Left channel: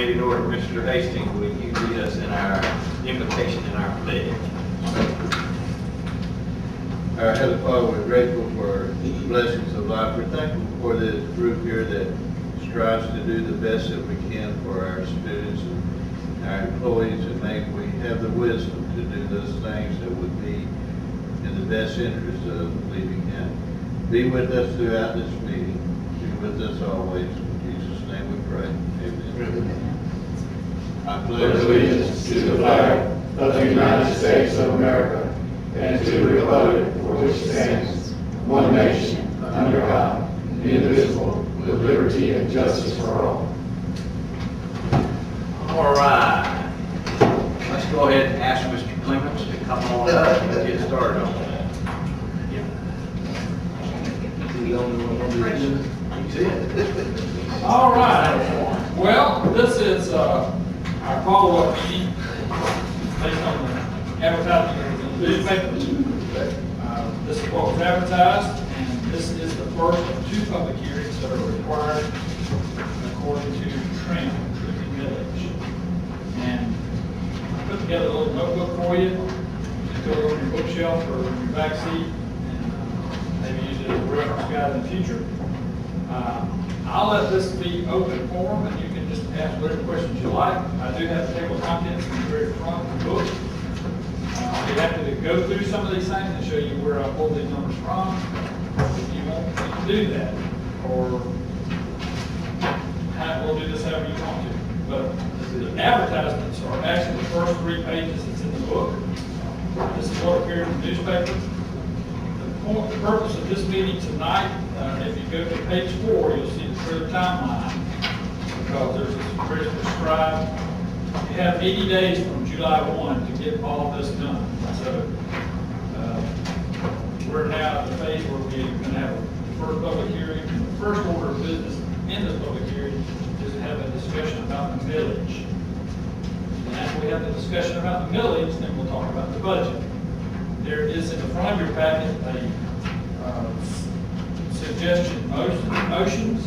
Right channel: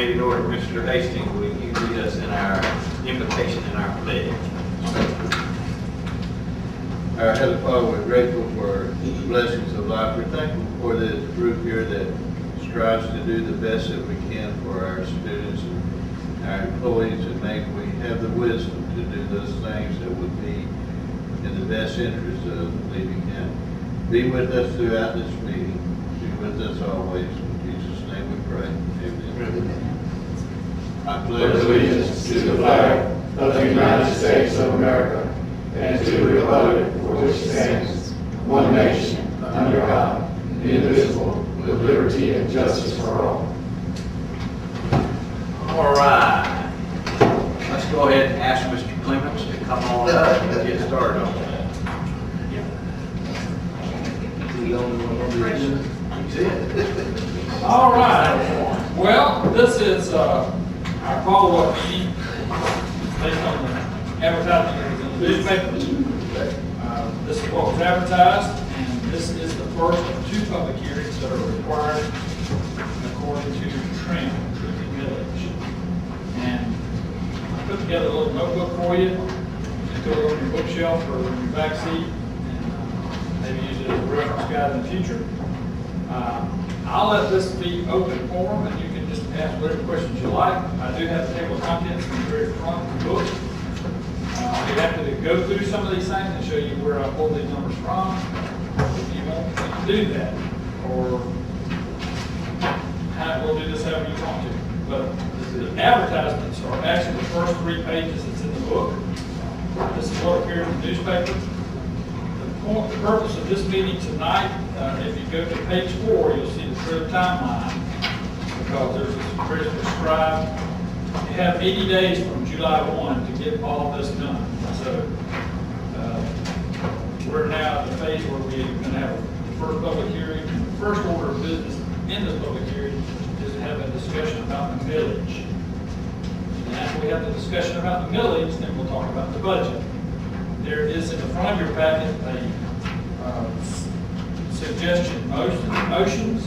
meeting order. Mr. Hastings, will you lead us in our invitation and our pledge? Our Heavenly Father, we're grateful for the blessings of life. We're thankful for this group here that strives to do the best that we can for our students and our employees, and may we have the wisdom to do those things that would be in the best interest of Levy County. Be with us throughout this meeting. Be with us always. In Jesus' name we pray. Amen. I Pledge allegiance to the flag of the United States of America and to the republic for which it stands, one nation, under God, indivisible, with liberty and justice for all. All right. Let's go ahead and ask Mr. Clements to come on up and get started on that. All right. Well, this is our follow-up meeting based on the advertising in the newspaper. This is what was advertised, and this is the first of two public hearings that are required according to TRIM, Truth Village. And I put together a little notebook for you. Just go over your bookshelf or your back seat, and maybe use it as a reference guide in the future. I'll let this be open forum, and you can just ask whatever questions you like. I do have the table of contents in the very front of the book. I'll be happy to go through some of these things and show you where I pulled these numbers from. If you want, you can do that, or we'll do this however you want to. But the advertisements are actually the first 3 pages that's in the book. This is what appears in the newspaper. The purpose of this meeting tonight, if you go to page 4, you'll see the clear timeline, because there's a very prescribed. You have 80 days from July 1 to get all of this done. So we're now at the phase where we're going to have the first public hearing. And the first order of business in this public hearing is to have a discussion about the millage. And after we have the discussion about the millage, then we'll talk about the budget. There is in the front of your packet a suggestion motions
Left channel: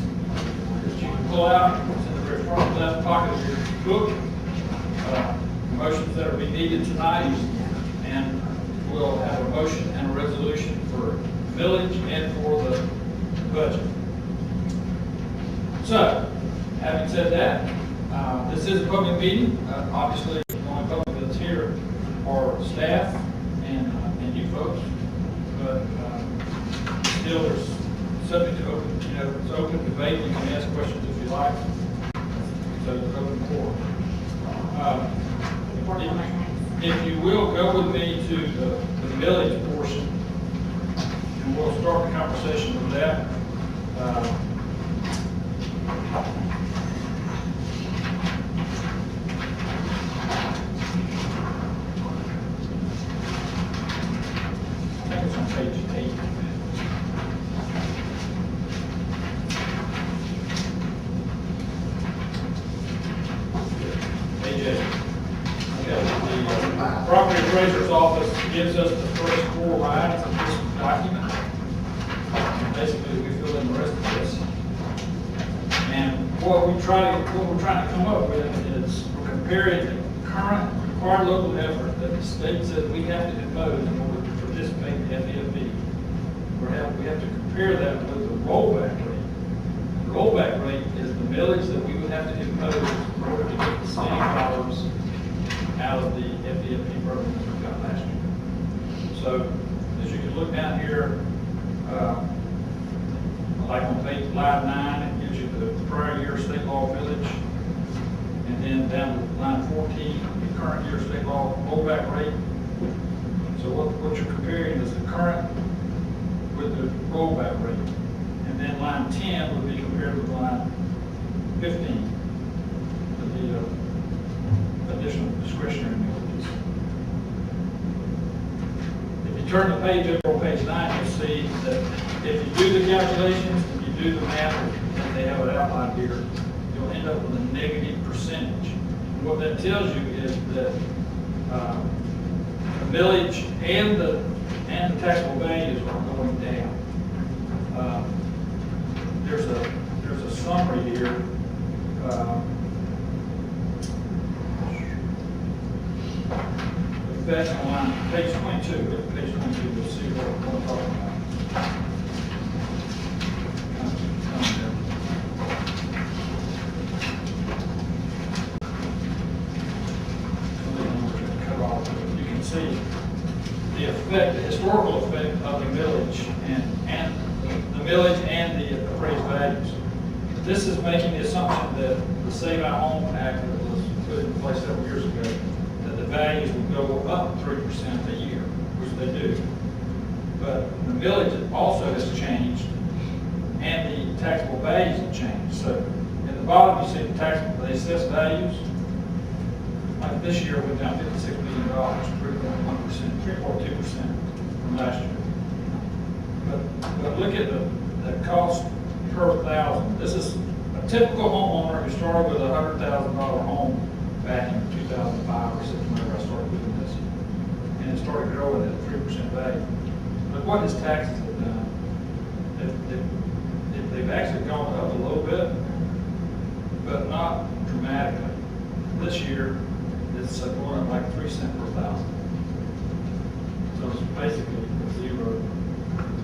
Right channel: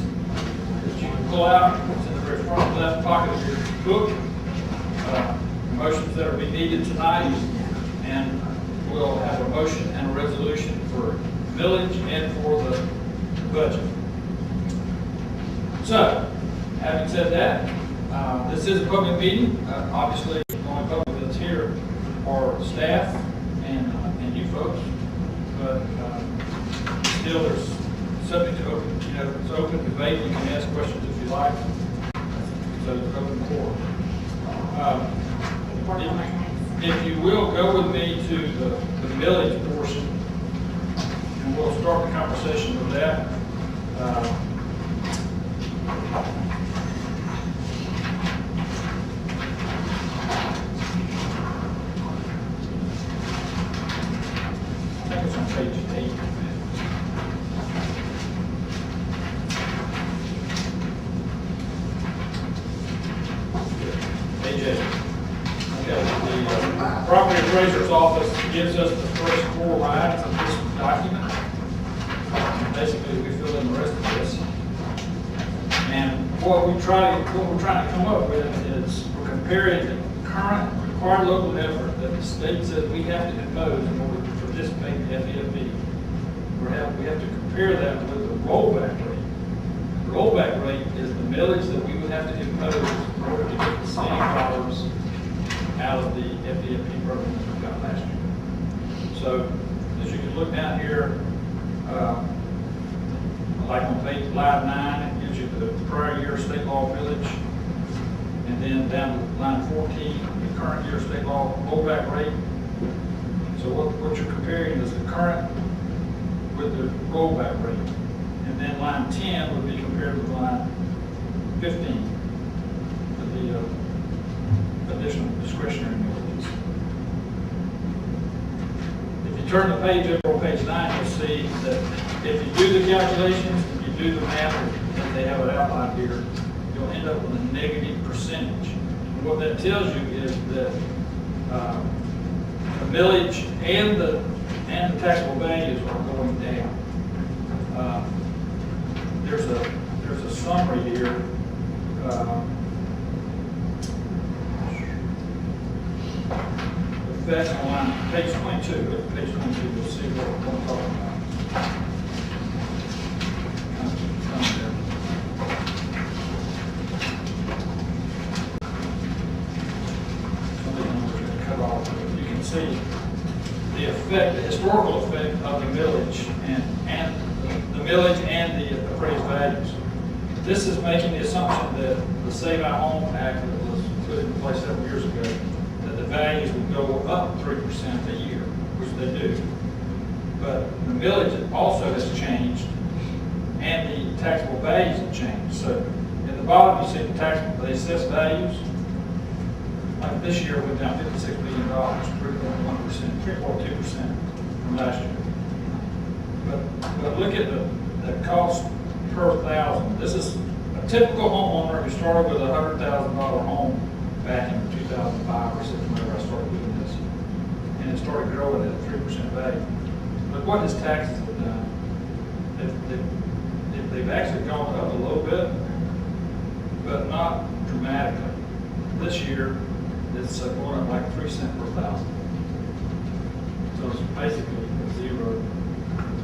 that you can pull out. It's in the very front left pocket of your book. Motions that are being needed tonight, and we'll have a motion and a resolution for millage and for the budget. So, having said that, this is a public meeting. Obviously, the only public that's here are staff and you folks, but still there's subject to open, it's open debate. You can ask questions if you like. So it's open forum. If you will, go with me to the millage portion, and we'll start the conversation with that. I think it's on page 8. Page 8. The property appraiser's office gives us the first 4 lines of this document. And basically, we fill in the rest of this. And what we're trying to come up with is we're comparing the current required local effort that the state says we have to impose in order to participate in FEFB. We have to compare that with the rollback rate. The rollback rate is the millage that we would have to impose in order to get the same dollars out of the FEFP program that we got last year. So, as you can look down here, like on page line 9, it gives you the prior year state law millage, and then down to line 14, the current year state law rollback rate. So what you're comparing is the current with the rollback rate, and then line 10 would be compared with line 15 with the additional discretionary millages. If you turn the page over on page 9, you'll see that if you do the calculations, if you do the math, and they have it outlined here, you'll end up with a negative percentage. And what that tells you is that the millage and the taxable values are going down. There's a summary here. that's on line, page 22, look at page 22, you'll see what we're talking about. Cut off. You can see the effect, the historical effect of the millage and the millage and the appraised values. This is making the assumption that the Save Our Home Act that was put in place several years ago, that the values would go up 3% a year, which they do. But the millage also has changed, and the taxable values have changed. So at the bottom, you see the assessed values. Like this year, went down $56 million, 3.1%, 3.2% from last year. But look at the cost per thousand. This is a typical homeowner who started with a $100,000 home back in 2005 or 6 whenever I started doing this, and it started growing at 3% value. But what his taxes have done, they've actually gone up a little bit, but not dramatically. This year, it's going up like 3 cents per thousand. So it's basically a zero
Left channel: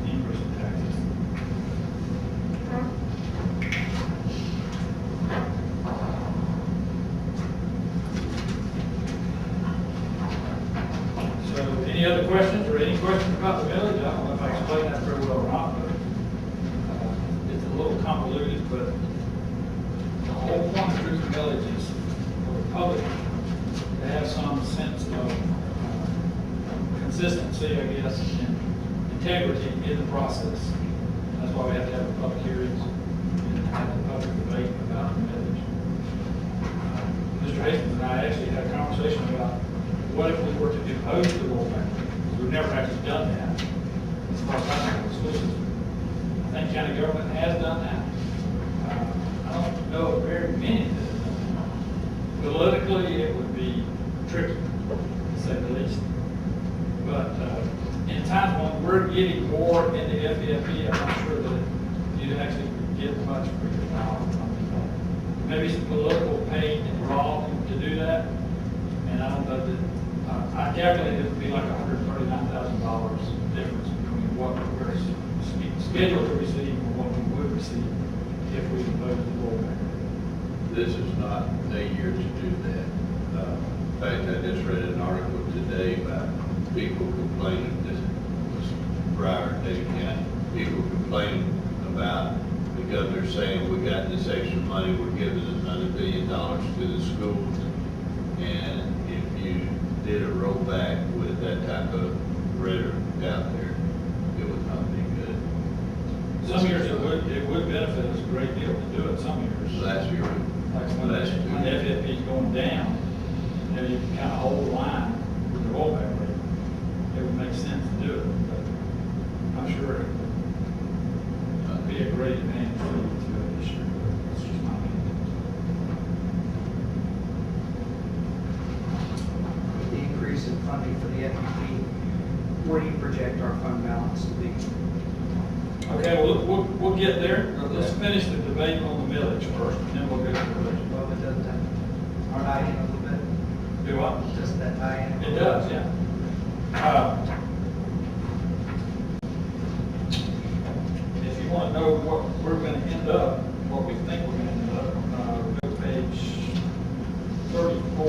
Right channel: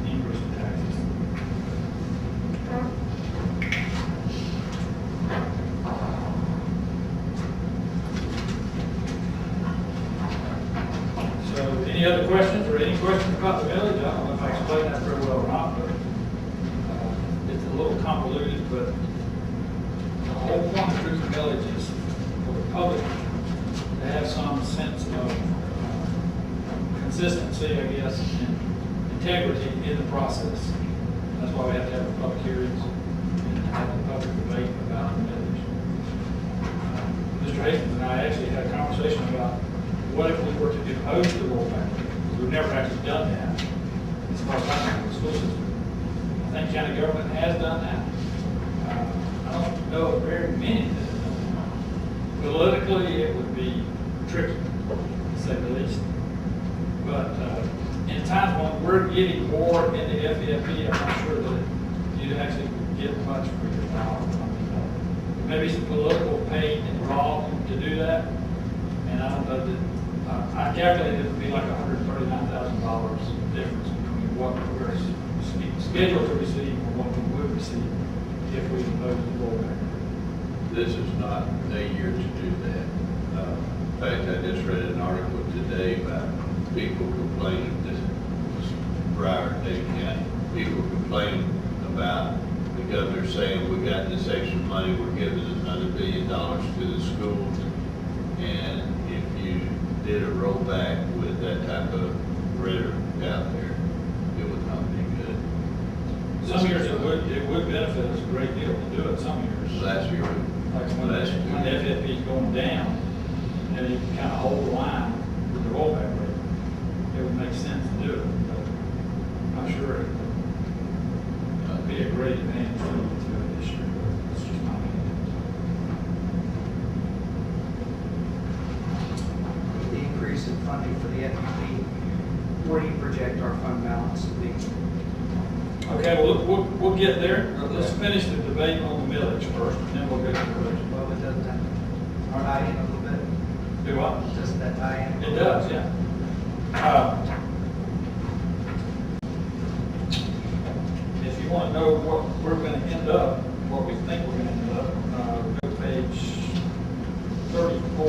increase in taxes. So any other questions or any questions about the millage? I don't know if I explained that very well or not, but it's a little convoluted, but the whole point of truth millage is for the public to have some sense of consistency, I guess, and integrity in the process. That's why we have to have the public hearings and have the public debate about the millage. Mr. Hastings and I actually had a conversation about what if we were to impose the rollback. We've never actually done that as far as I know in the school system. I think county government has done that. I don't know of very many that have done that. Politically, it would be tricky, to say the least. But in times when we're getting more into FEFE, I'm not sure that you'd actually get much for your dollar. Maybe some political pain involved to do that. And I don't know that, I calculated it would be like $139,000 difference between what we're scheduled to receive and what we would receive if we imposed the rollback. This is not the year to do that. In fact, I just read an article today about people complaining, this was Broward, Dade County, people complaining about the governor saying we got this extra money, we're giving another $1 billion to the schools. And if you did a rollback with that type of rhetoric out there, it would not be good. Some years it would benefit us a great deal to do it, some years. Last year, Like when the FFP is going down, you know, you can kind of hold the line with the rollback rate. It would make sense to do it, but I'm sure it would be a great advantage to do it this year. That's just my opinion. With the increase in funding for the FEP, where do you project our fund balance to be? Okay, well, we'll get there. Let's finish the debate on the millage first, and then we'll go to the budget. Well, but doesn't that tie in a little bit? Do what? Doesn't that tie in? It does, yeah. If you want to know what we're going to end up, what we think we're going to end up, go to page 34.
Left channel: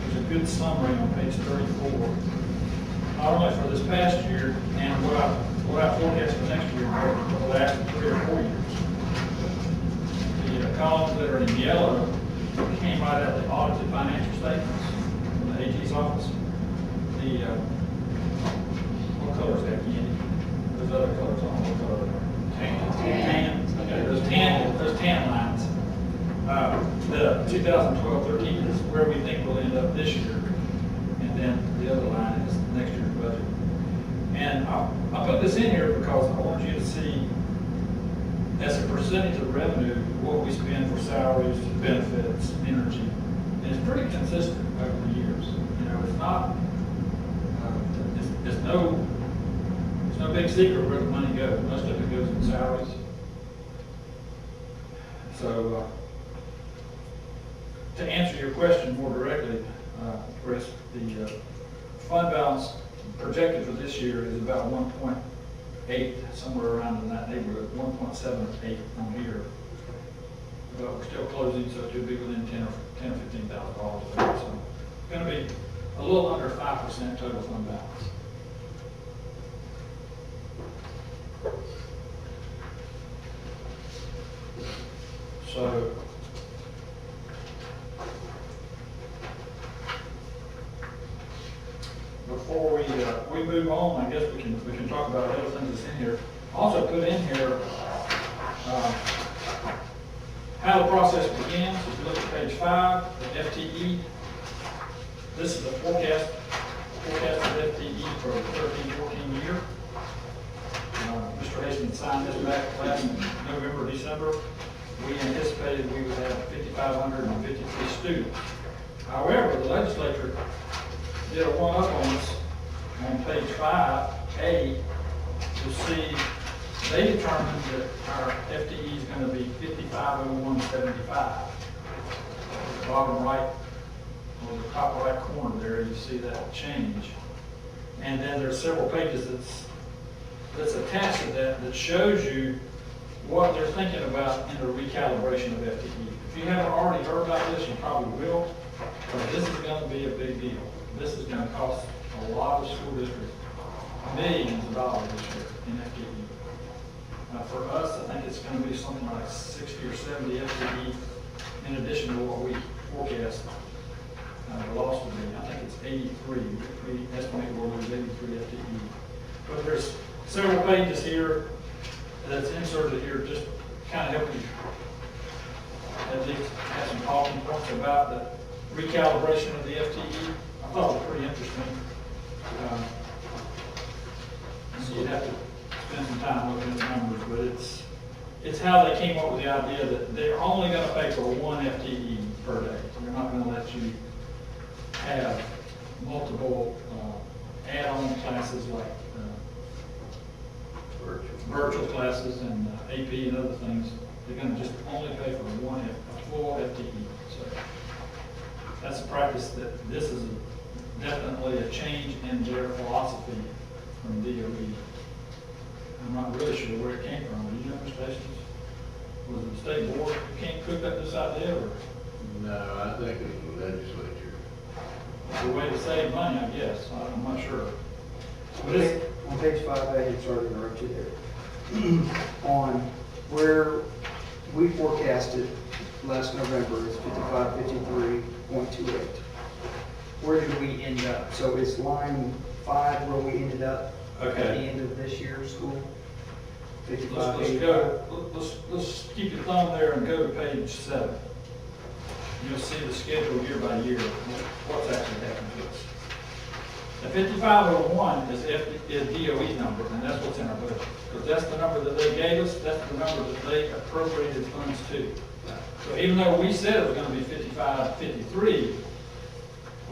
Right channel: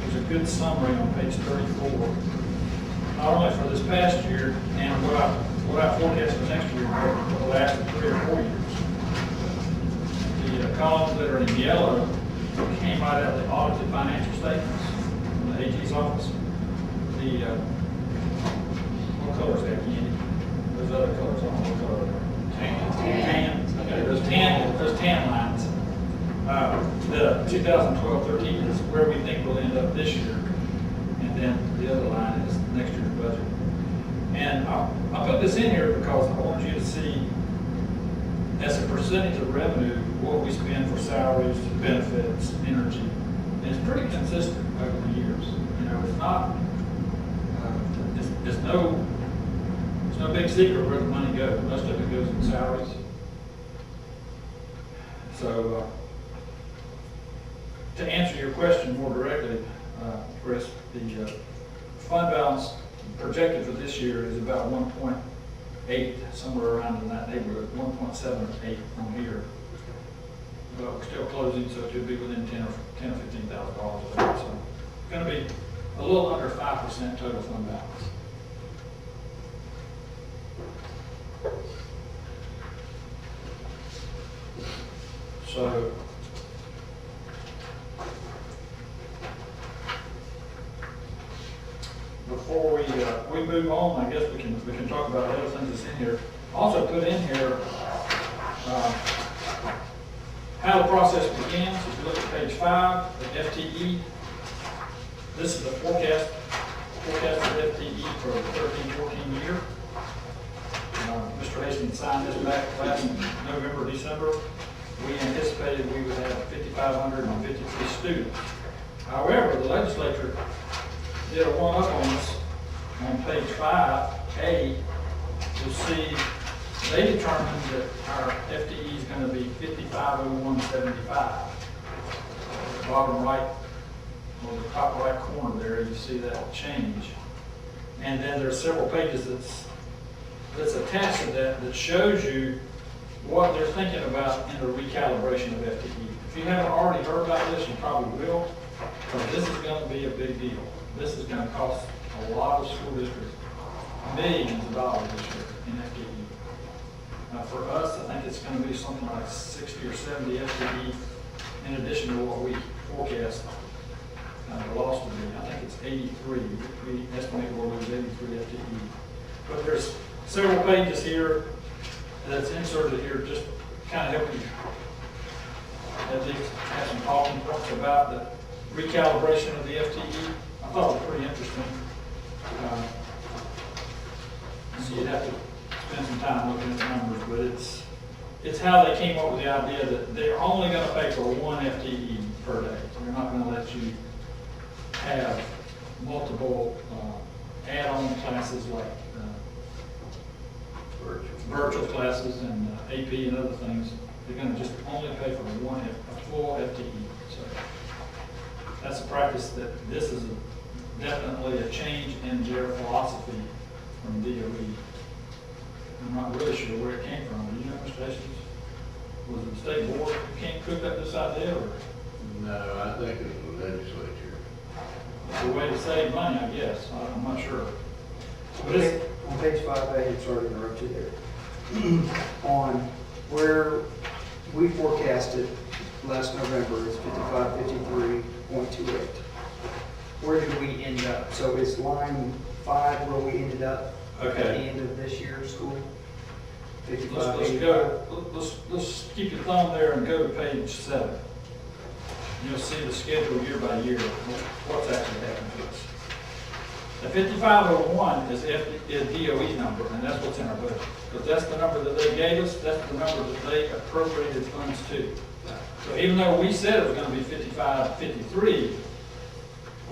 There's a good summary on page 34. Not only for this past year and what I forecast for next year, but for the last 3 or 4 years. The columns that are in yellow came right out of the audited financial statements from the AG's office. What color is that, Candy? Those other colors, I don't know what color they are. Tan. Okay, those tan lines. The 2012-13 is where we think we'll end up this year. And then the other line is next year's budget. And I put this in here because I want you to see, as a percentage of revenue, what we spend for salaries, benefits, energy. And it's pretty consistent over the years. You know, it's not, it's no big secret where the money goes. Most of it goes in salaries. So, to answer your question more directly, Chris, the fund balance projected for this year is about 1.8, somewhere around in that neighborhood, 1.78 on here. But we're still closing, so it should be within $10,000 or $15,000 of that. So it's going to be a little under 5% total fund balance. So before we move on, I guess we can talk about the other things that's in here. Also put in here how the process begins. If you look at page 5, the FTE. This is the forecast of FTE for the 13-14 year. Mr. Hastings signed this back last November, December. We anticipated we would have 5,553 students. However, the legislature did a one-up on us on page 5A. You'll see they determined that our FTE is going to be 550175. The bottom right, or the top right corner there, you see that change. And then there's several pages that's attached to that shows you what they're thinking about in the recalibration of FTE. If you haven't already heard about this, you probably will, but this is going to be a big deal. This is going to cost a lot of school districts millions of dollars this year in FTE. For us, I think it's going to be something like 60 or 70 FTE in addition to what we forecast the loss would be. I think it's 83. We estimate we'll lose 83 FTE. But there's several pages here that's inserted here just kind of help you at least have some talking points about the recalibration of the FTE. I thought it was pretty interesting. So you'd have to spend some time looking at the numbers, but it's how they came up with the idea that they're only going to pay for one FTE per day. They're not going to let you have multiple add-on classes like virtual classes and AP and other things. They're going to just only pay for a full FTE. So that's a practice that this is definitely a change in their philosophy from DOE. I'm not really sure where it came from. Do you know, Mr. Hastings? Was it the state board who cooked up this idea, or? No, I think it was the legislature. It's a way to save money, I guess. I'm not sure. On page 5A, sorry to interrupt you there. On where we forecasted last November is 5553.28. Where did we end up? So it's line 5 where we ended up at the end of this year's school? Let's keep your thumb there and go to page 7. You'll see the schedule year by year, what's actually happened to us. The 5501 is DOE's number, and that's what's in our budget. Because that's the number that they gave us, that's the number that they appropriated funds to. So even though we said it was going to be 5553,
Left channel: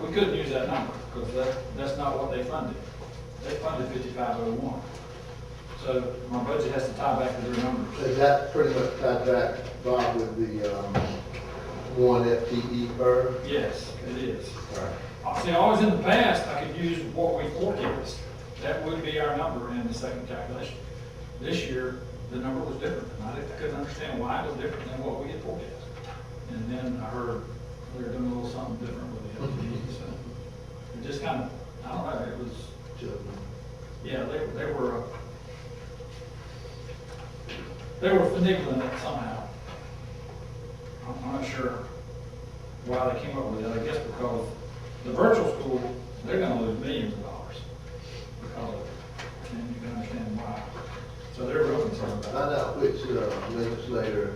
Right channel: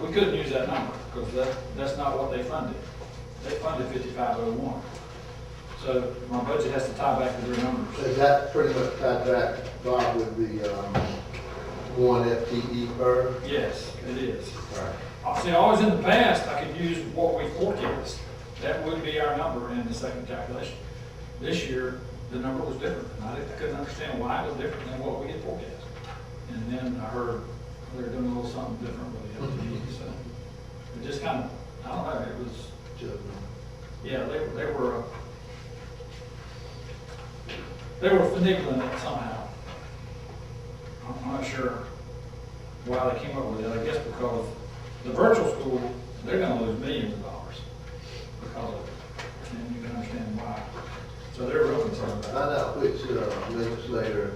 we couldn't use that number, because that's not what they funded. They funded 5501. So my budget has to tie back to their numbers. Is that pretty much tied back, Bob, with the one FTE per? Yes, it is. Right. See, always in the past, I could use what we forecast. That would be our number in the second calculation. This year, the number was different. I couldn't understand why it was different than what we had forecast. And then I heard they were doing a little something different with the FTE. So it just kind of, I don't know, it was, yeah, they were finagling it somehow. I'm not sure why they came up with it. I guess because the virtual school, they're going to lose millions of dollars because of it. And you can understand why. So they're real concerned about Find out which legislator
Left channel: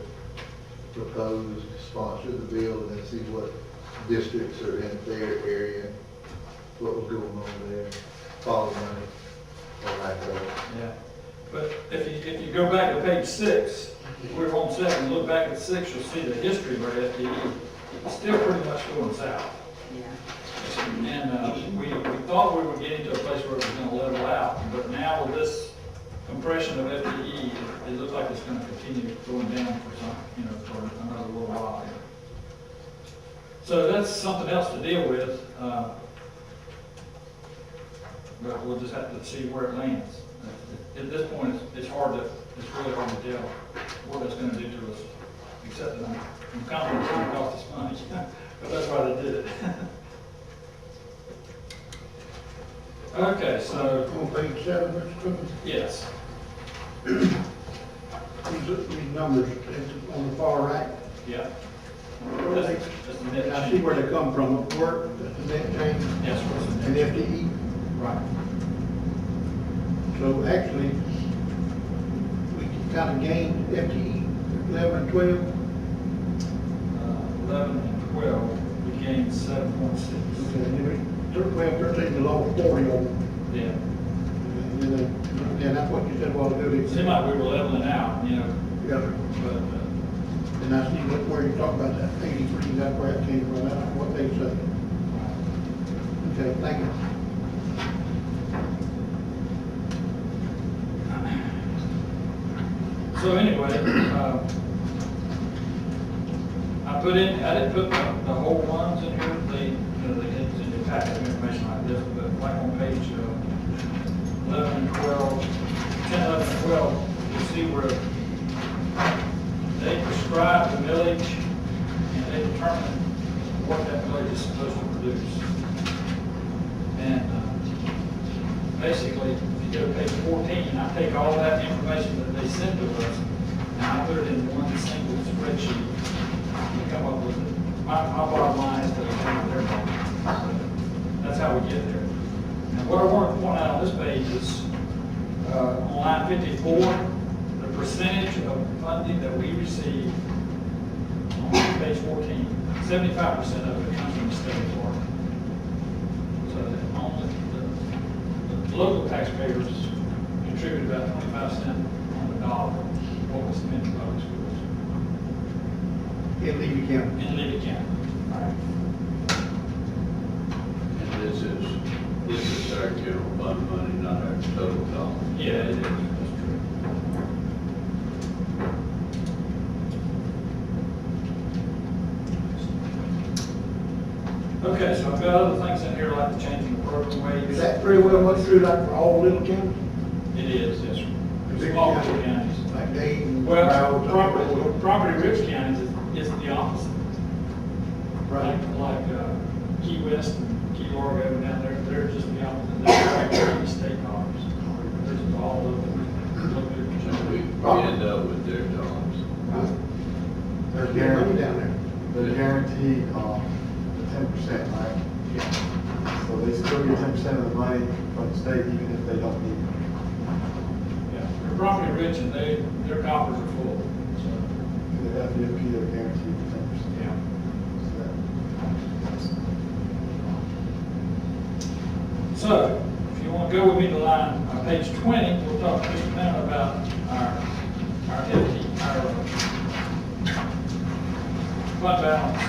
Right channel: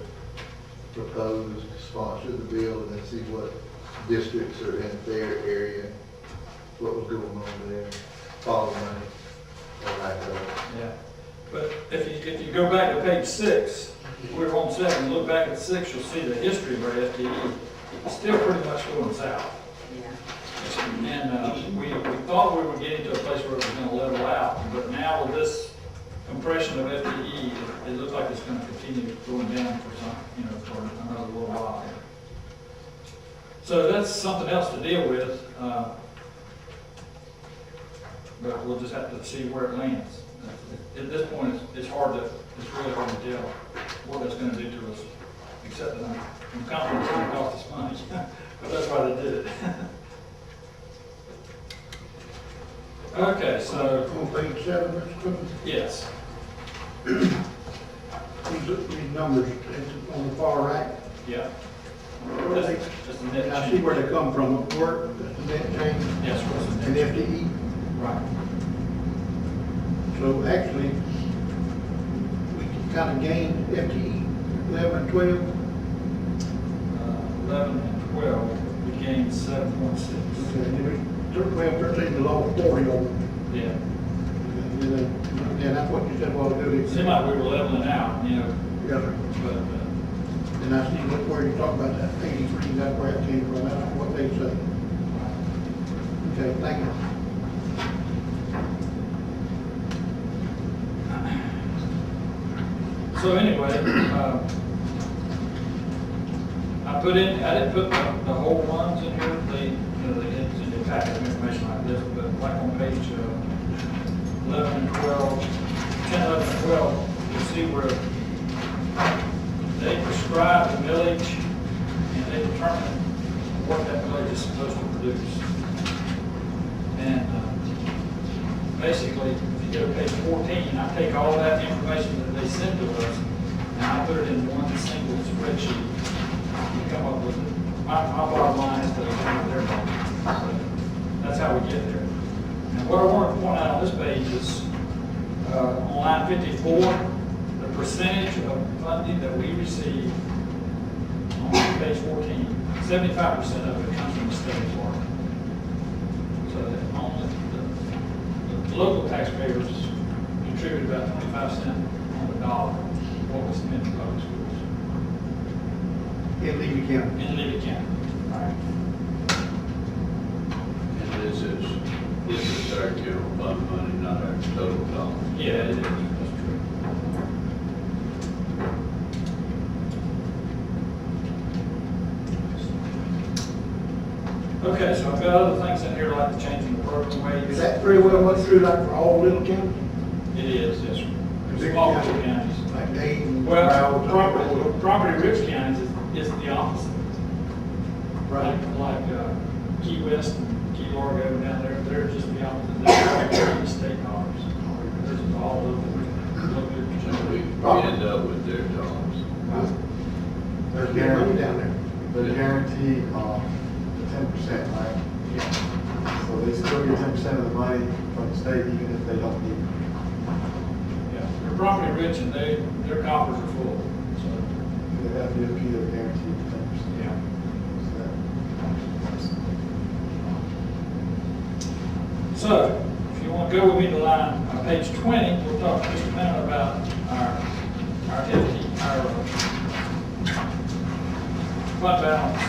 proposed to sponsor the bill and then see what districts are in their area, what was going on there, follow money, or lack of it. it. Yeah. But if you go back to page 6, we're on 7, look back at 6, you'll see the history of our FTE. It's still pretty much going south. Yeah. And we thought we were getting to a place where it was going to level out, but now with this compression of FTE, it looks like it's going to continue going down for for another little while here. So that's something else to deal with. But we'll just have to see where it lands. At this point, it's really hard to tell what that's gonna do to us, except that I'm confident it's gonna cost us money, but that's why they did it. Okay, so, On page 7, Mr. Cook, yes, these numbers on the far right, yeah. where they, Just a net I see change. where they come from, work, the net change, Yes, what's the and net? FTE. Right. So actually, we kind of gained FTE 11 and 12. 11 and 12, we gained 7.6. Okay, and then we took 12, 13, the low 40 over. Yeah. And then that's what you said a while ago. It seemed like we were leveling out, you know, Yeah, sir. but, And I see where you talk about that 83, that's where it came from, that's what they say. Okay, thank you. so anyway, I didn't put the whole ones in here, they didn't send a packet of information like this, but like on page 11 and 12, 10, 11, and 12, you'll see where they prescribe the millage and they determine what that millage is supposed to produce. And basically, if you go to page 14, I take all that information that they send to us and I put it in one single spreadsheet and come up with it. My bottom line is to come up with their bottom. That's how we get there. And what I want to point out on this page is on line 54, the percentage of funding that we receive on page 14, 75% of it comes from the state of Florida. So that only the local taxpayers contribute about 25 cents on the dollar of what we spend in public schools In Levy County. in Levy County. And this is our general fund money, not our total dollars. Yeah, it is. That's true. Okay, so I've got other things in here like the changing the program waves. Is that pretty well much true like for all little counties? It is, yes, sir. Big Small counties. little counties. Like Dayton, Well, Broward? property-rich counties is the opposite. Right. Like Key West and Key Largo down there, they're just the opposite. They're like state dollars. They're just all over. We end up with their dollars. There's good money down there. The guarantee, the 10%, right? Yeah. So they still get 10% of the money from the state even if they don't need it. Yeah, they're property rich and their coffers are full, so, They have to pay their guarantee for 10%. yeah. So, if you want to go with me to line, page 20, we'll talk just a minute about our entity, our fund balance.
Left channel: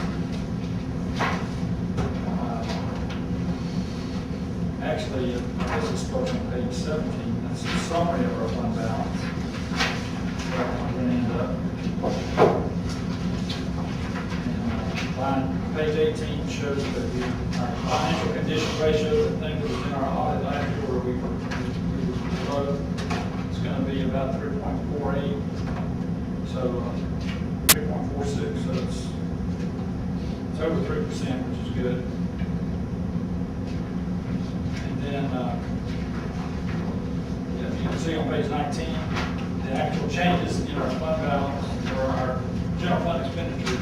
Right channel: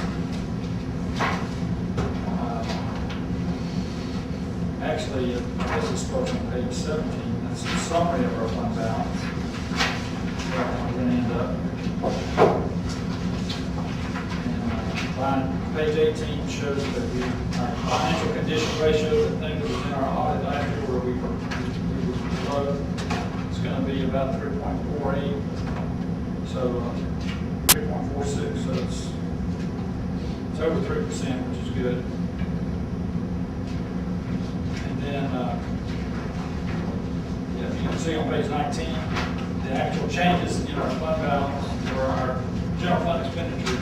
Actually, this is starts on page 17, that's the summary of our fund balance. Where we're going to end up. And, line, page 18 shows that our financial condition ratio, the thing that was in our audit last year where we were low, it's going to be about 3.48. So 3.46, so it's over 3%, which is good. And then, yeah, you can see on page 19, the actual changes in our fund balance for our general fund expenditures.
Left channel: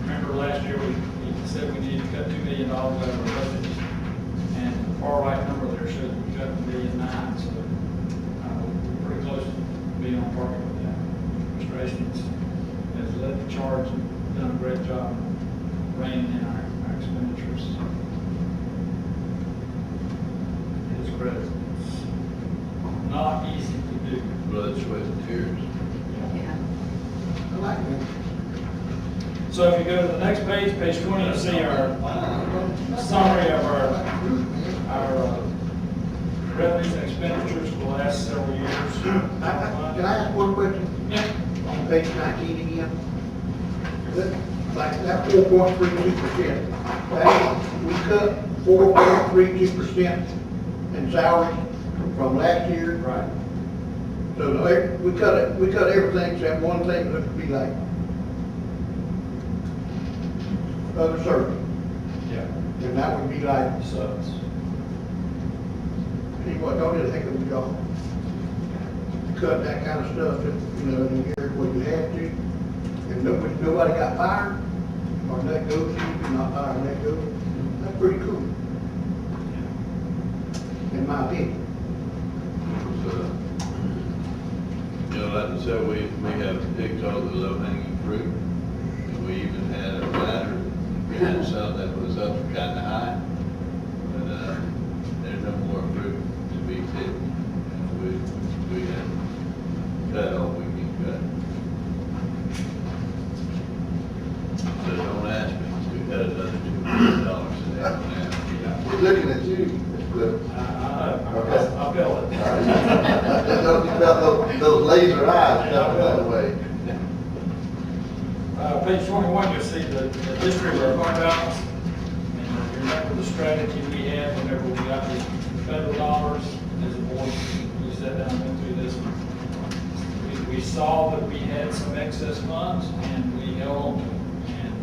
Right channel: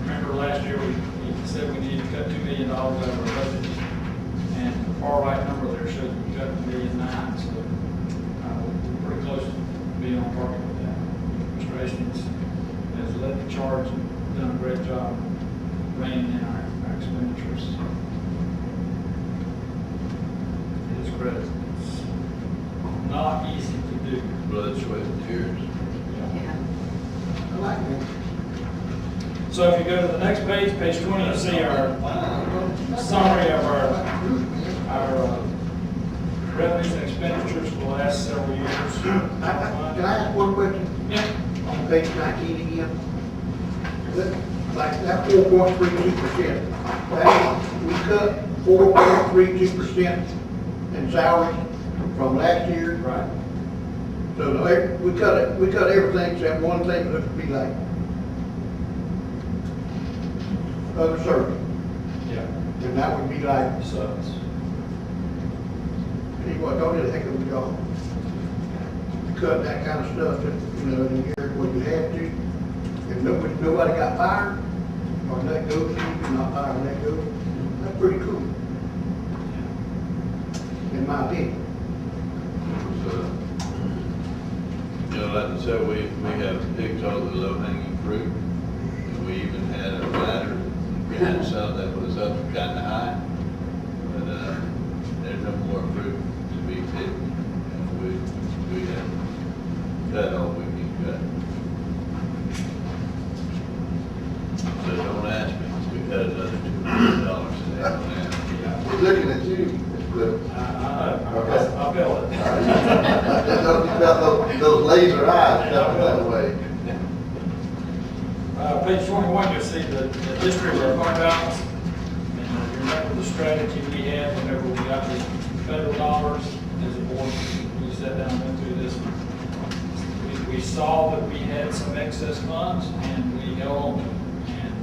Remember last year we said we needed to cut $2 million out of our budget, and the far right number there shows we cut $1.9 million, so we're pretty close to being on target with that. Mr. Hastings has led the charge and done a great job reining in our expenditures. His credit. It's not easy to do. Blood, sweat, and tears. I like that. So if you go to the next page, page 20, you'll see our summary of our revenues and expenditures for the last several years. Can I ask one question? Yeah. On page 19 again? like that 4.32%, that, we cut 4.32% in salaries from last year. Right. So we cut everything except one thing that would be like other service, Yeah. and that would be like, Subs. see what, don't do a heck of a job. Cut that kind of stuff, that, you know, in the year when you had to, and nobody got fired, or let go, you did not fire and let go. That's pretty cool, in my opinion. So, you know, like I said, we have picked all the low hanging fruit. And we even had a ladder, we had some that was up kind of high. But, there's no more fruit to be picked. And we have cut all we can cut. So don't ask me to cut another $2 million in half an hour. We're looking at you, Mr. Cliff. I feel it. Don't you got those laser eyes coming that way? Page 21, you'll see the history of our fund balance. And you remember the strategy we had whenever we got the federal dollars as a board, we sat down and went through this. We saw that we had some excess funds and we held on to them. And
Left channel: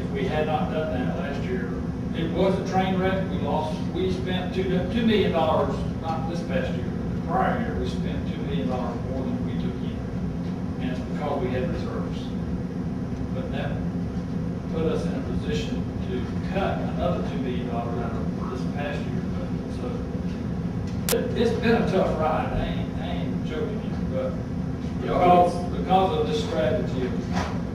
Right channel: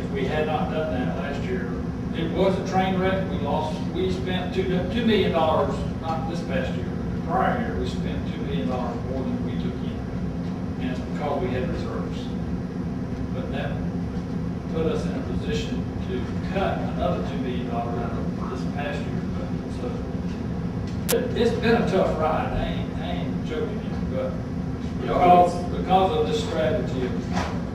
if we had not done that last year, it was a train wreck. We spent $2 million, not this past year, but the prior year, we spent $2 million more than we took in. And it's because we had reserves. But that put us in a position to cut another $2 million out of this past year. So it's been a tough ride. I ain't joking you, but because of this strategy of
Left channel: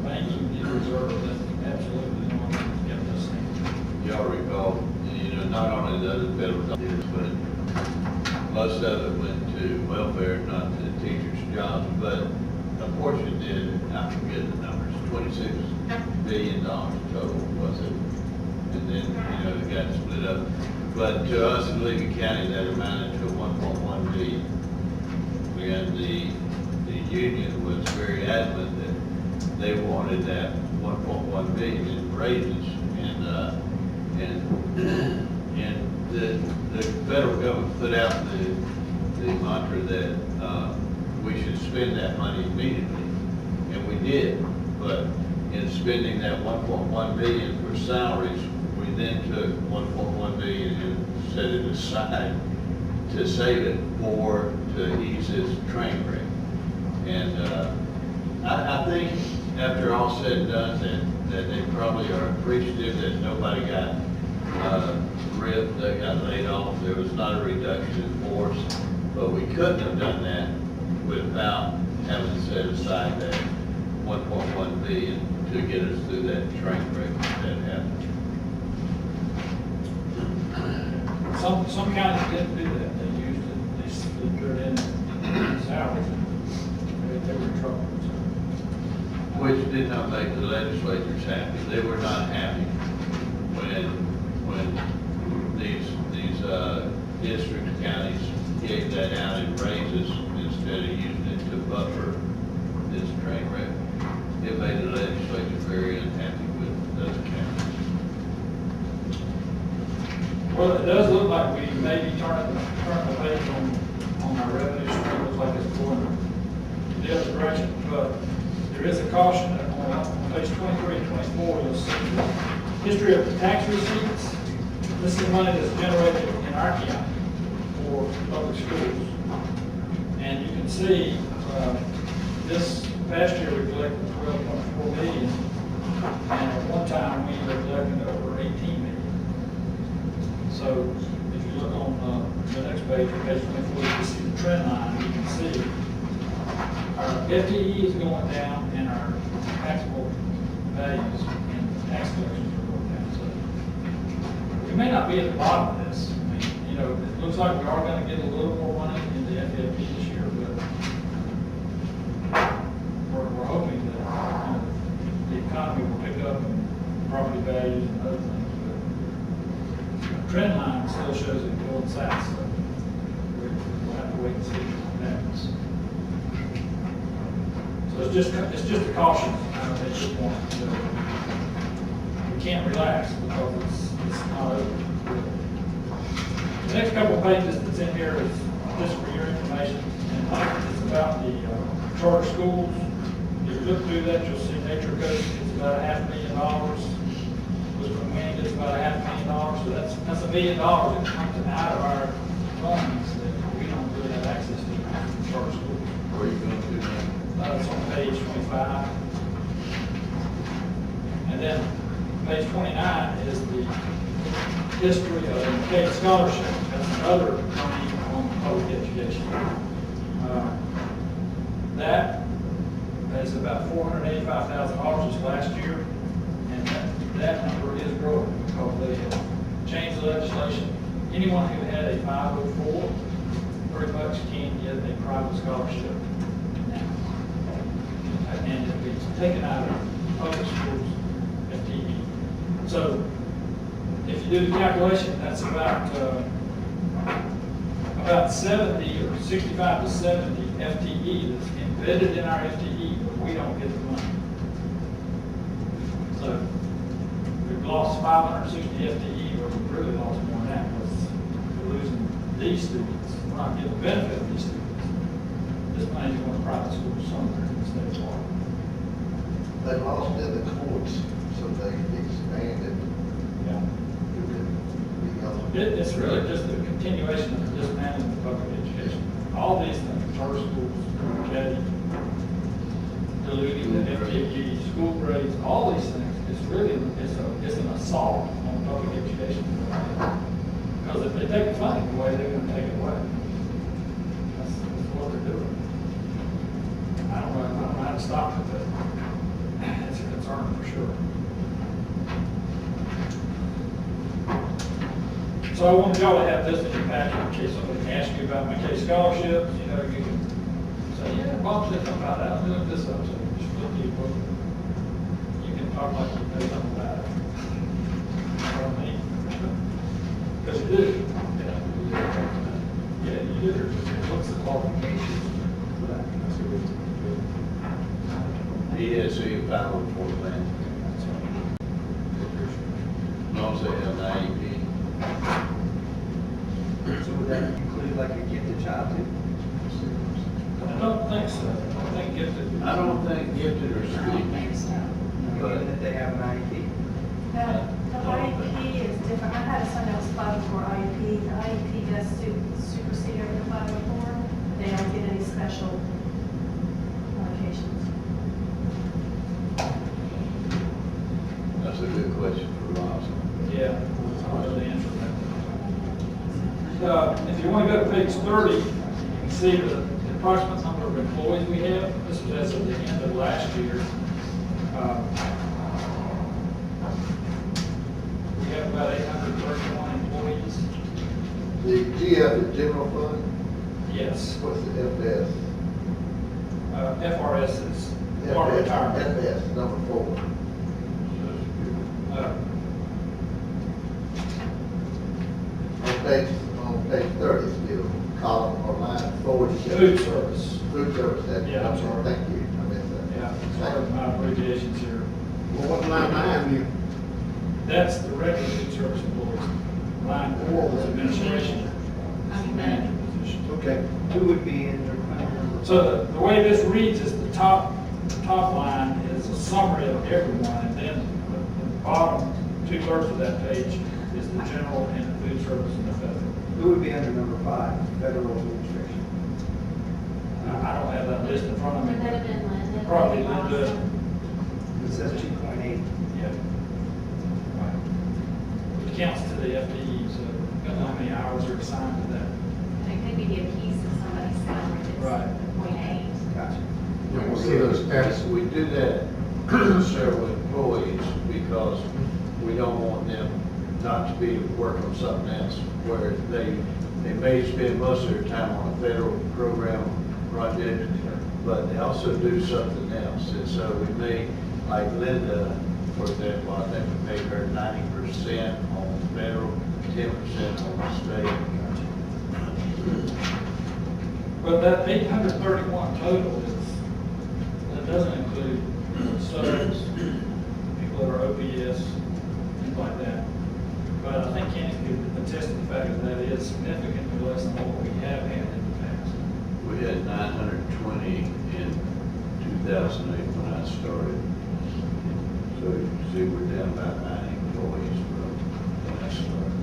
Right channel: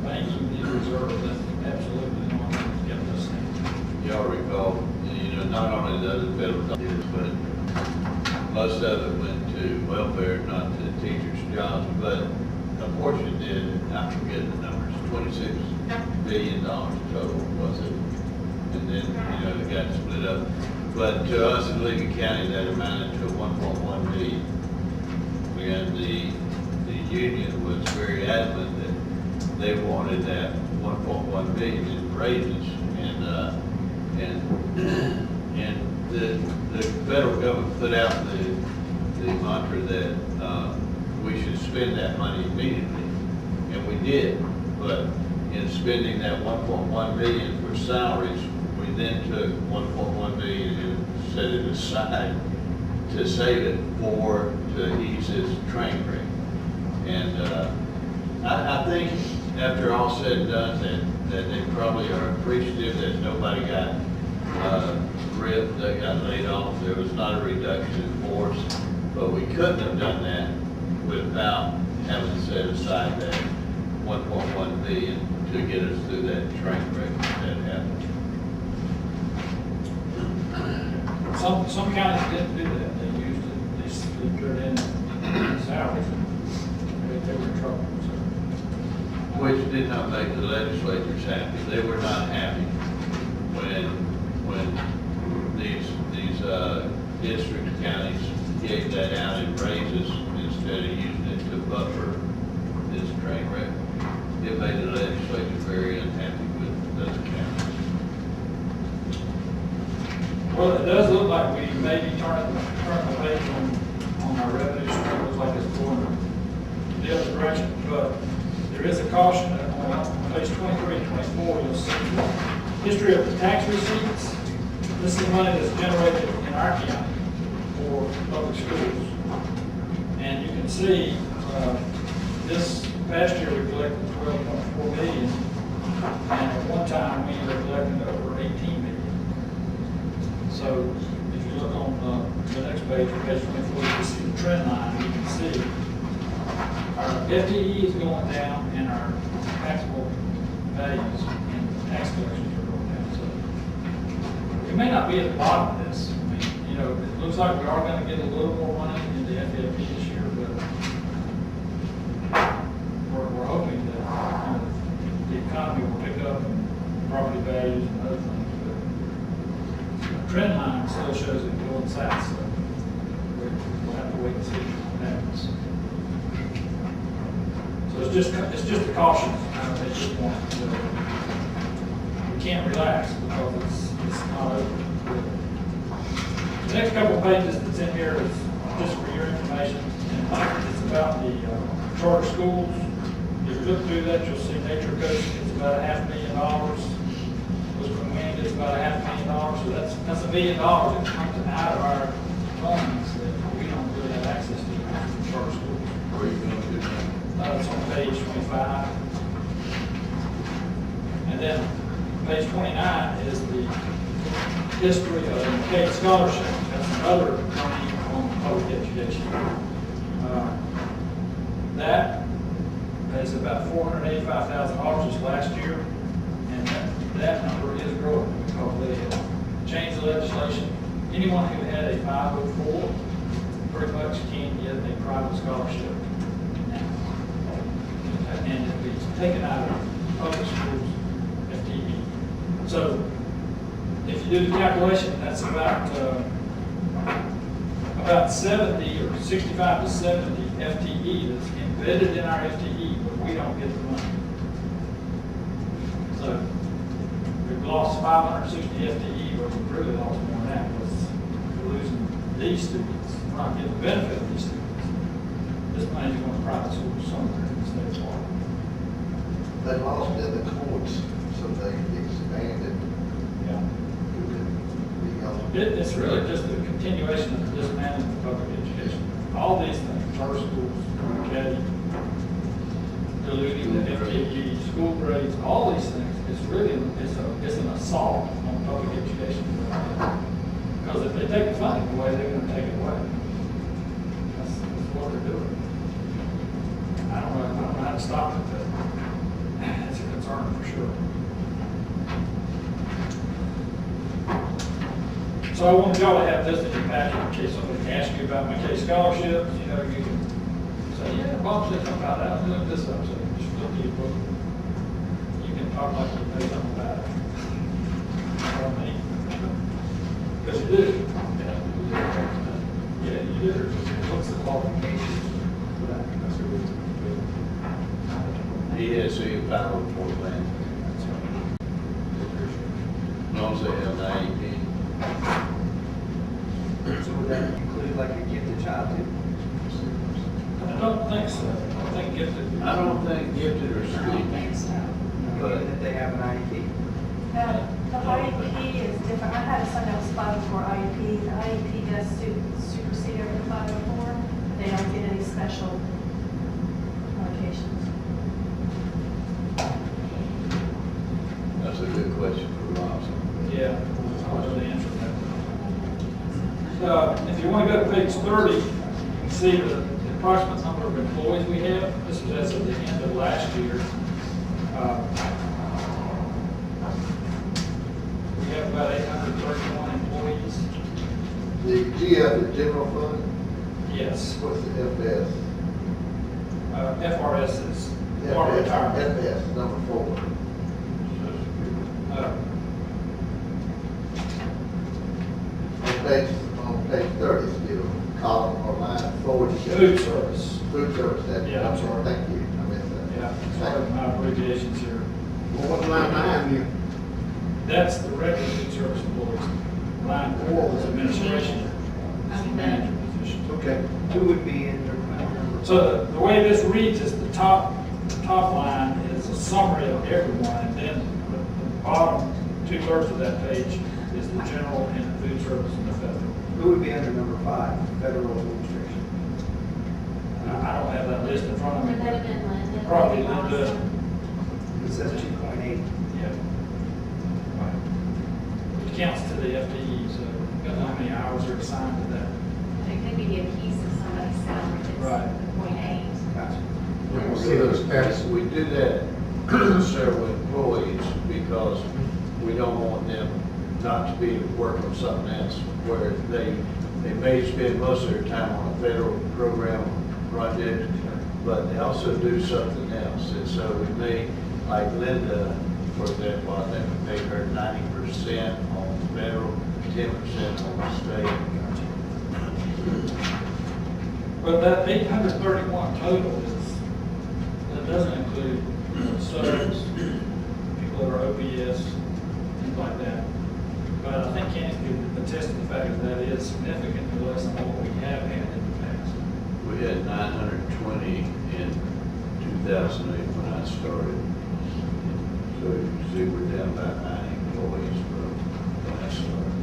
banking these reserves, that's absolutely the one that's kept us safe. Y'all recall, you know, not only the other federal dollars, but most of it went to welfare, not to teachers' jobs, but a portion did, I forget the numbers, $26 billion total, was it? And then, you know, it got split up. But to us in Lincoln County, that amounted to 1.1 billion. And the union was very adamant that they wanted that 1.1 billion in raises. And the federal government put out the mantra that we should spend that money immediately, and we did. But in spending that 1.1 billion for salaries, we then took 1.1 billion and set it aside to save it to ease this train wreck. And I think after all said and done, that they probably are appreciative that nobody got ripped, they got laid off. There was not a reduction in force, but we couldn't have done that without having set aside that 1.1 billion to get us through that train wreck that happened. Some counties didn't do that. They used it, they put it in salaries. They were in trouble. Which did not make the legislators happy. They were not happy when these district counties gave that out in raises instead of using it to buffer this train wreck. It made the legislature very unhappy with those counties. Well, it does look like we may be turning the page on our revenue stream. It looks like it's going the other direction, but there is a caution that on page 23 and 24, you'll see history of the tax receipts. This is money that's generated in our county for public schools. And you can see this past year we collected 12.4 million, and at one time we were collecting over 18 million. So if you look on the next page, page 24, you can see the trend line. You can see our FTE is going down and our taxable values and tax collections are going down. So we may not be at the bottom of this. I mean, you know, it looks like we are going to get a little more money in the FFP this year, but we're hoping that the economy will pick up and property values and other things. But the trend line still shows it going south, so we'll have to wait and see what happens. So it's just a caution. at this point, we can't relax because it's not over. The next couple of pages that's in here is just for your information, and it's about the charter schools. If you look through that, you'll see Nature Coast gets about $500,000. Western Wind gets about $500,000, so that's $1 million that comes out of our funds that we don't really have access to from charter schools. Where are you going to do that? It's on page 25. And then page 29 is the history of the McCabe Scholarship. That's another money on public education. That is about $485,000 this last year, and that number is growing because they have changed the legislation. Anyone who had a 504 pretty much can get a private scholarship now. And it'll be taken out of public schools FTE. So if you do the calculation, that's about 70 or 65 to 70 FTE that's embedded in our FTE, but we don't get the money. So we've lost 560 FTE, but we've really lost more than that because we're losing these students. We're not getting the benefit of these students. This money's going to private schools somewhere in the state of Florida. They lost in the courts, so they expanded. Yeah. Who could be eligible. It's really just a continuation of the dismantling of public education. All these things, charter schools, academy, diluting the FTE, school grades, all these things, it's really, it's an assault on public education. Because if they take the funding away, they're going to take it away. That's what they're doing. I don't know how to stop it, but it's a concern for sure. So I wanted y'all to have this in your packet in case somebody asks you about McKay scholarships. You know, you can say, yeah, Bob said something about that. I'm doing this up, so just flip to your book. You can talk like you know something about it. You know what I mean? Because you do. Yeah, you do. What's the qualifications for that? That's what ESE 504 plan. As long as they have an IEP. So would that include like a gifted child too? I don't think so. I think gifted. I don't think gifted or I don't speaking. think so. Given that they have an IEP? The IEP is different. I had a son that was 504 IEP. The IEP does supersede over the 504. They don't get any special allocations. That's a good question for Ross. Yeah, I'll know the answer to that. If you want to go to page 30, you can see the approximate number of employees we have. This is as of the end of last year. We have about 831 employees. The GF, the general fund, Yes. what's the FS? FRS is part of retirement. FS, number 4. Uh, On page 30 still, column or line 4. Food service. Food service, that. Yeah, I'm sorry. Thank you, I missed that. Yeah, sorry, my abbreviations here. Well, what's line 9 then? That's the regular food service employees. Line 4 was administration, manager position. Okay. Who would be in their number? So the way this reads is the top line is a summary of everyone, and then the bottom 2/3 of that page is the general and the food service and the federal. Who would be under number 5, federal administration? I don't have that list in front of me. Would that have been Linda? Probably Linda. It says 2.8. Yeah. Right. Which counts to the FTE, so I don't know how many hours are assigned to that. It could be a piece of somebody's salary Right. that's 0.8. Gotcha. We'll see those passes. We do that to several employees because we don't want them not to be working on something else where they may spend most of their time on a federal program project, but they also do something else. And so we may, like Linda, for example, I think we paid her 90% on federal, 10% on state. But that 831 total is, that doesn't include subs, fact that that is significantly less than what we have had in the past. We had 920 in 2008 when I started. So you see, we're down about 9 employees from when I started.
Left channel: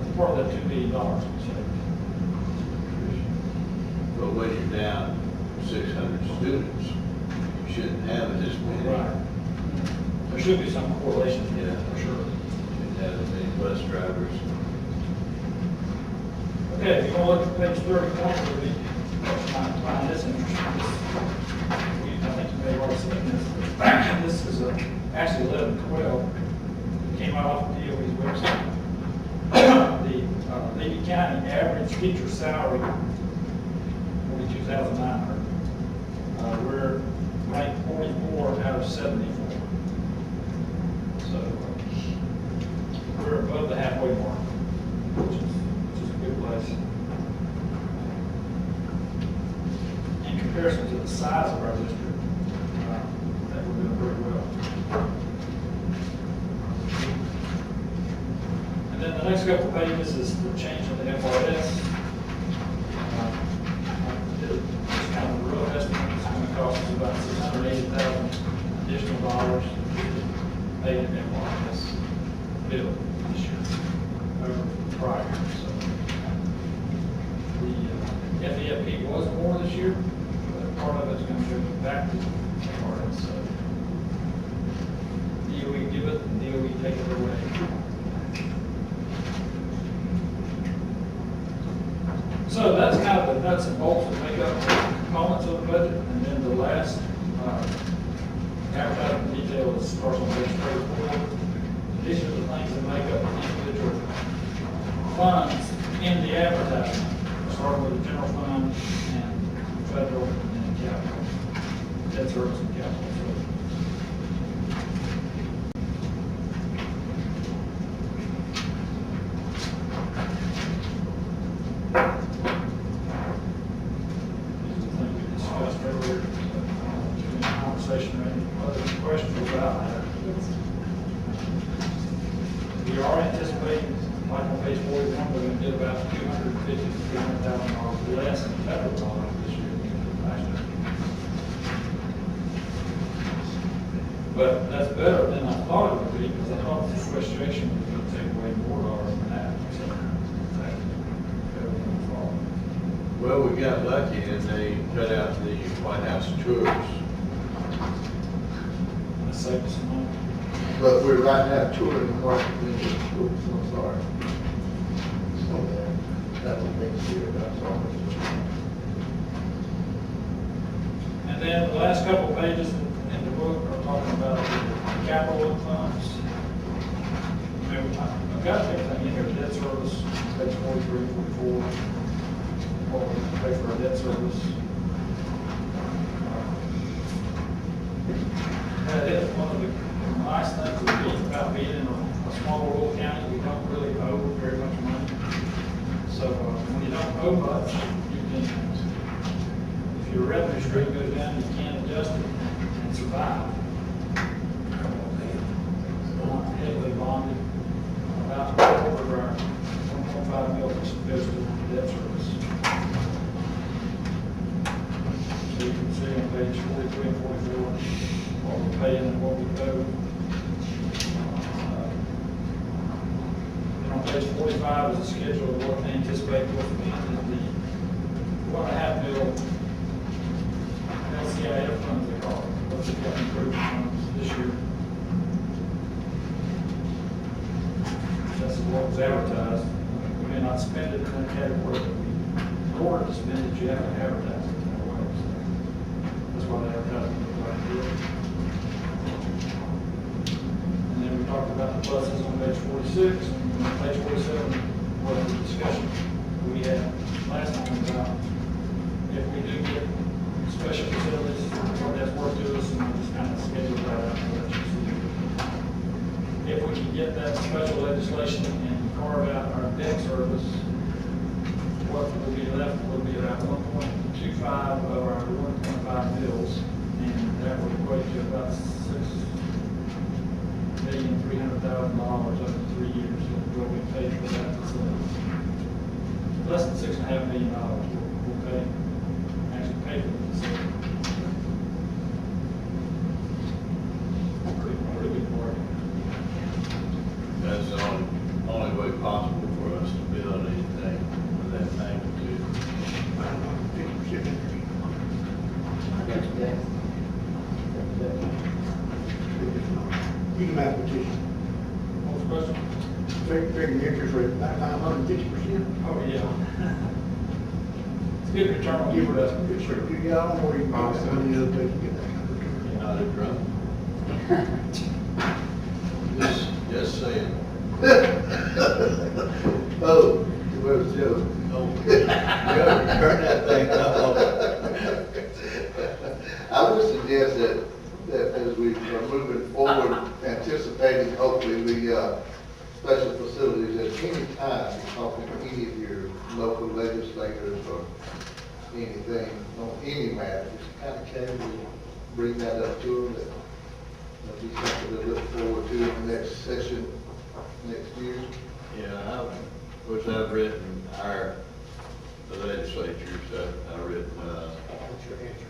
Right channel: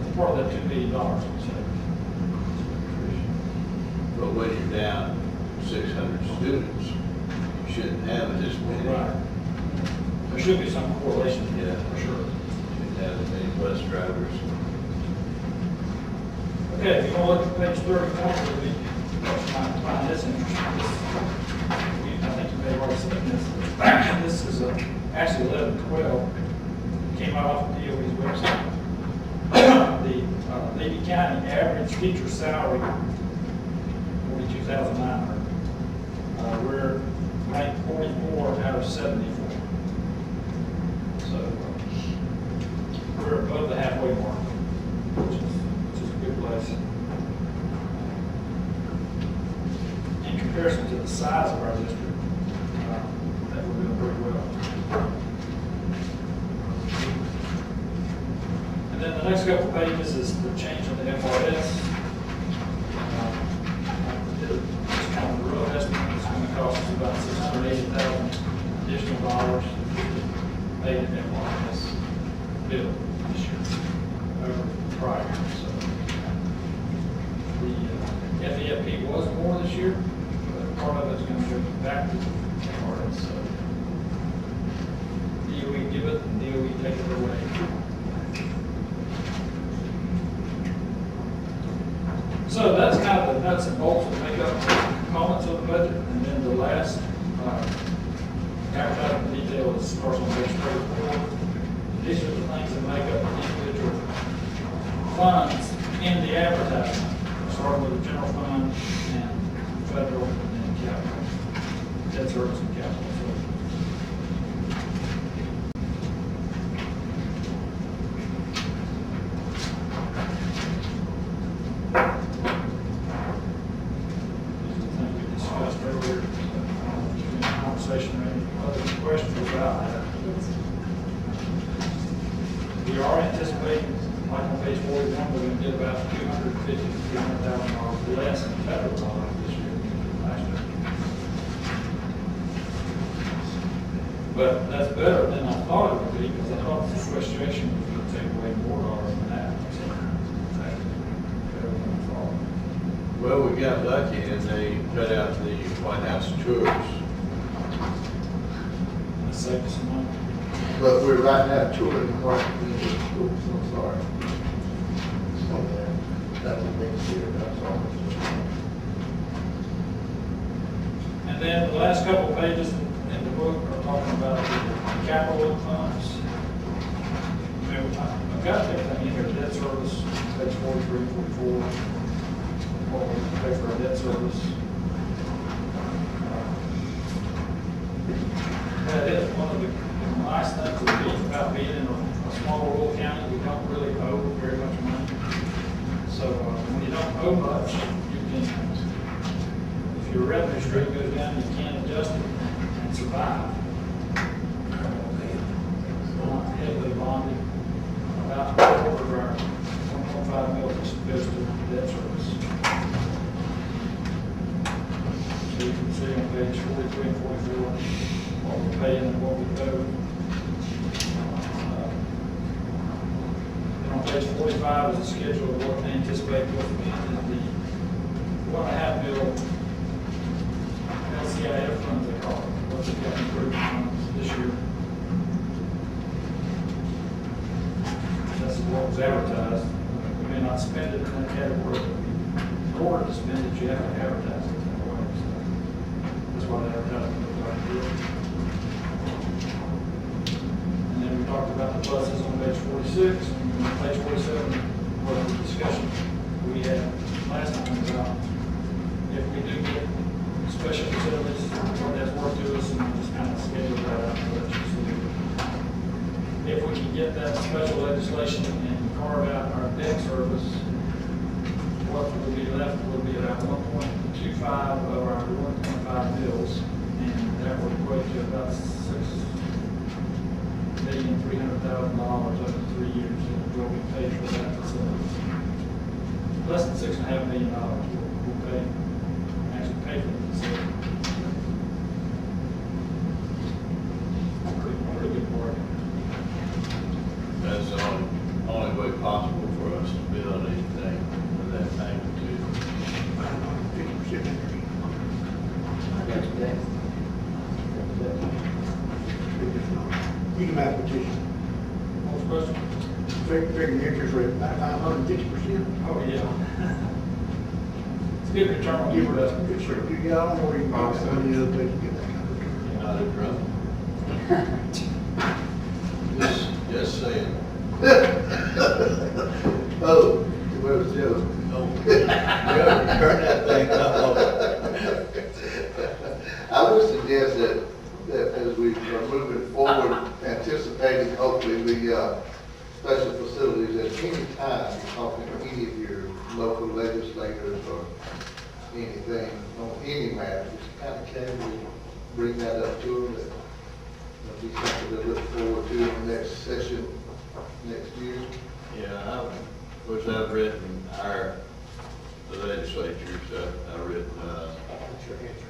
It's part of that $2 billion, so. But when you're down 600 students, you shouldn't have this many. Right. There should be some correlation, Yeah. for sure. Shouldn't have as many bus drivers. Okay, if you want to look at page 31, we find this interesting. I think you may have already seen this. This is actually 11/12. It came out off of DOE's website. The Levy County average teacher salary, $42,900. We're ranked 44 out of 74. So we're above the halfway mark, which is a good place. In comparison to the size of our district, I think we're doing pretty well. And then the next couple of pages is the change in the FRS. Just kind of a rough estimate, it's going to cost us about $680,000 additional dollars to pay the FRS bill this year over prior. So the FEFP was more this year, but part of it's going to go back to the FRS. So DOE give it and DOE take it away. So that's kind of the nuts and bolts that make up the components of the budget. And then the last advertising detail is starts on page 34. These are the things that make up the individual funds in the advertising, starting with the general fund and federal and capital, debt service and capital. Conversation or any other questions about that. We are anticipating, like on page 41, we're going to get about $250,000 to $300,000 less in federal dollars this year than last year. But that's better than I thought it would be, because I thought the sequestration was going to take away more dollars than that. So it's actually better than I thought. Well, we got lucky and they cut out the White House tours. That saved us some money. But we're right now touring Washington School, so sorry. So that was next year, that's all. And then the last couple of pages in the book are talking about the capital funds. I've got everything in here, debt service, page 43, 44, what we pay for our debt service. That is one of the nice things about being in a small rural county. We don't really owe very much money. So when you don't owe much, you can, if your revenue stream goes down, you can adjust it and survive. We're not heavily bonded. About a quarter of our 1.5 million goes to debt service. So you can see on page 43 and 44 what we're paying and what we owe. Then on page 45 is a schedule of what they anticipate will be in the $1.5 million LCIF funds, they call it, what's the capital improvement funds this year. That's what was advertised. We may not spend it in that category, but in order to spend it, you have to advertise it that way. So that's why the advertising looks like it is. And then we talked about the buses on page 46, and on page 47 was the discussion we had last time about if we do get special facilities, what that's worth to us, and we'll just kind of schedule that out and let you see. If we can get that special legislation and carve out our debt service, what will be left will be about 1.25 of our 1.5 bills, and that would equate to about $6,300,000 up to 3 years, we'll be paid for that facility. Less than $6.5 million we'll pay, actually pay for the facility. Pretty good part. That's the only way possible for us to build anything of that magnitude. 50%. You can mathematician. What was the question? Figure the interest rate about 550%. Oh, yeah. It's a good return on Give your it up. investment. It's sure, you got on where you can get that money the other day to get that kind of return. You're not a drunk. Just saying. Oh, where's Joe? Turn that thing up. I would suggest that as we are moving forward, anticipating hopefully the special facilities, at any time, talking to any of your local legislators or anything on any matter, just kind of casually bring that up to them, that it'll be something to look forward to in the next session next year. Yeah, of course, I've written the legislatures, I've written, That's your answer.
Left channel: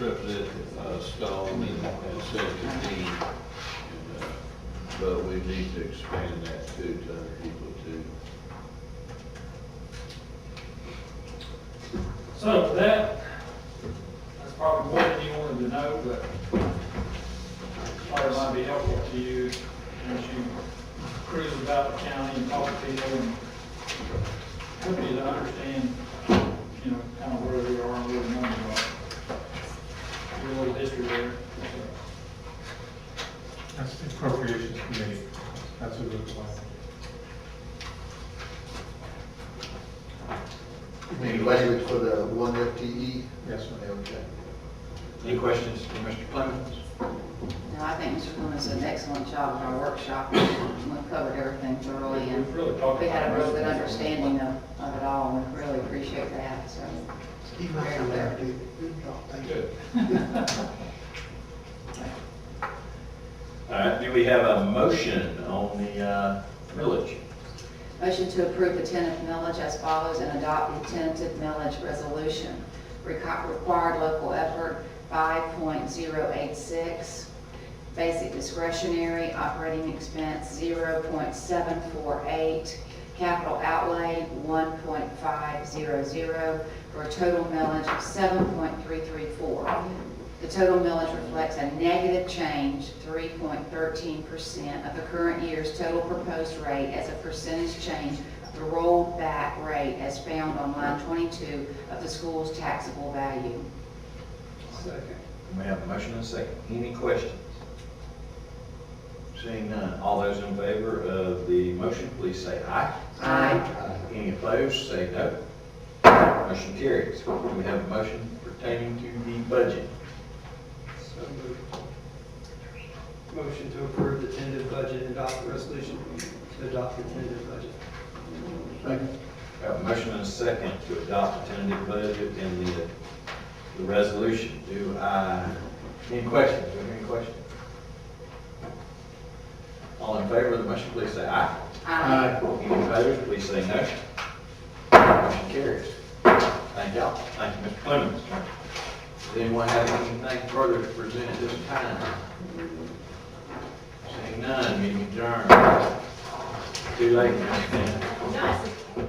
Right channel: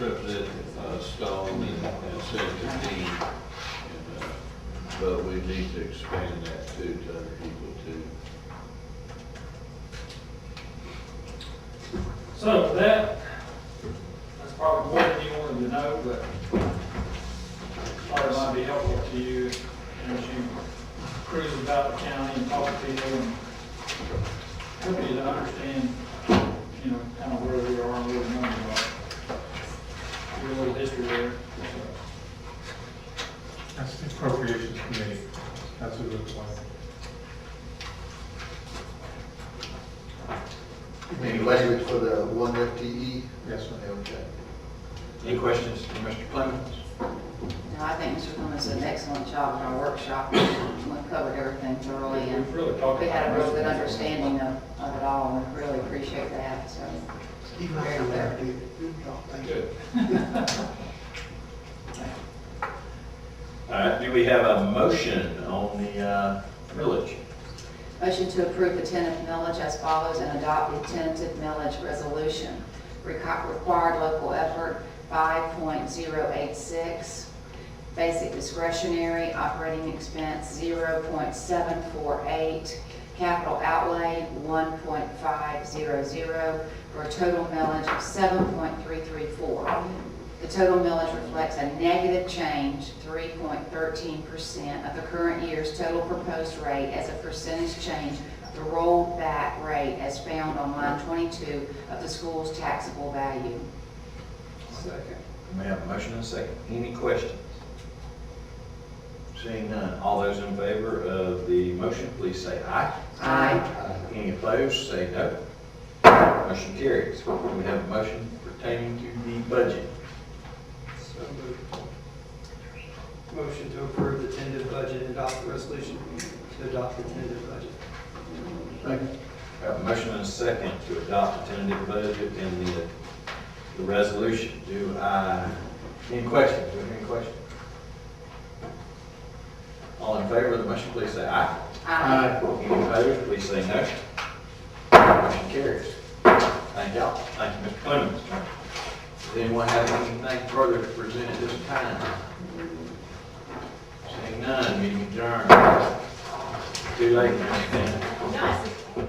Representative Stone and Senator Dean, but we need to expand that too to other people too. So that's probably more than you wanted to know, but thought it might be helpful to you as you cruise about the county and talk to people and help you to understand, kind of where we are and where the numbers are. Give you a little history there. That's the appropriations committee. That's what it looks like. Any language for the one FTE? Yes, sir. Okay. Any questions for Mr. Clemens? No, I think Mr. Clemens did an excellent job at our workshop. We covered everything thoroughly, and We've really talked we had a about real most good of this. understanding of it all, and we really appreciate that, so. Keep my hand there, David. Good job. Thank you. Good. All right, do we have a motion on the millage? Motion to approve the tentative millage as follows and adopt the tentative millage resolution. Required local effort, 5.086. Basic discretionary operating expense, 0.748. Capital outlay, 1.500, for a total millage of 7.334. The total millage reflects a negative change, 3.13% of the current year's total proposed rate as a percentage change of the rolled back rate as found on line 22 of the school's taxable value. Second. We have a motion and a second. Any questions? Seeing none, all those in favor of the motion, please say aye. Aye. Any opposed, say no. Motion carries. Do we have a motion pertaining to the budget? So moved. Motion to approve the tentative budget and adopt the resolution to adopt the tentative budget. Second. We have a motion and a second to adopt the tentative budget and the resolution. Any questions? Do we have any questions? All in favor of the motion, please say aye. Aye. Any opposed, please say no. Motion carries. Thank y'all. Thank you, Mr. Clemens. Does anyone have anything further to present at this time? Seeing none, meeting adjourned. Too late, Mr.